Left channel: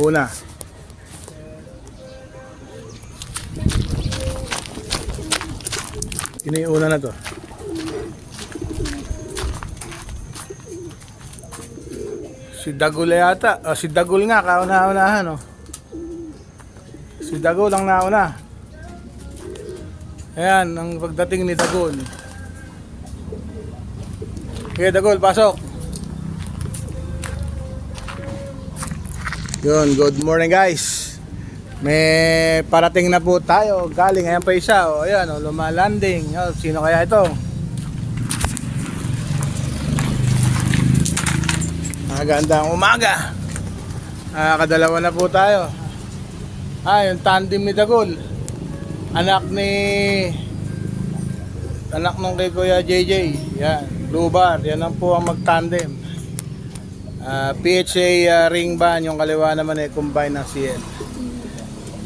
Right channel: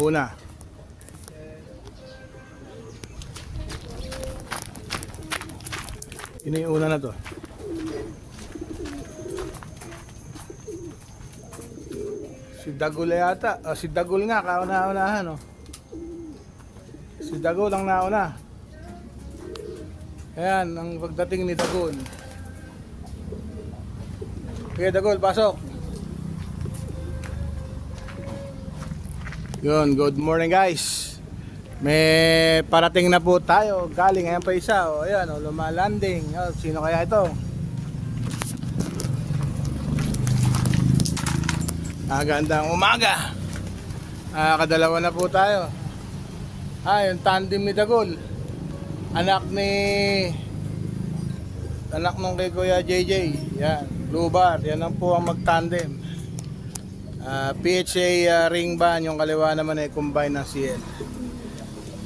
Una. Ini yung una na to. Si Dagol yata. Si Dagol nga, kauna-unahan, oh. Si Dagol ang nauna. Ayan, ang pagdating ni Dagol. Okay, Dagol, pasok. Yun, good morning guys. May parating na po tayo. Galing, ayan pa isa. O, ayan, o, lumalanding. O, sino kaya ito? Magandang umaga. Kadalawa na po tayo. Yung tandem ni Dagol. Anak nung kay Kuya JJ. Yan, Blue Bar. Yan ang po ang mag-tandem. PHA ring ban. Yung kaliwa naman combine ng CL.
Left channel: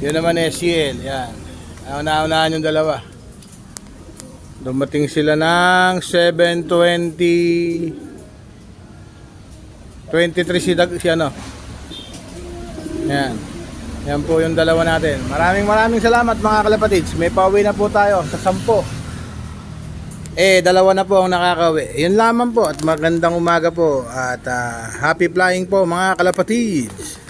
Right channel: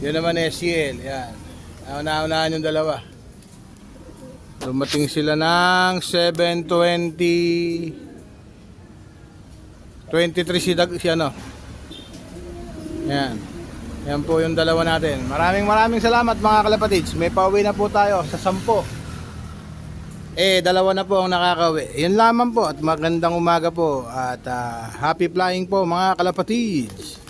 Yun naman CL. Yan. Una-unahan yung dalawa. Dumating sila ng 7:20 23 si ano. Yan. Yan po yung dalawa natin. Maraming salamat mga kalapatids. May pauwi na po tayo sa 10. Dalawa na po ang nakakauwi. Yun lamang po at magandang umaga po at happy flying po mga kalapatids.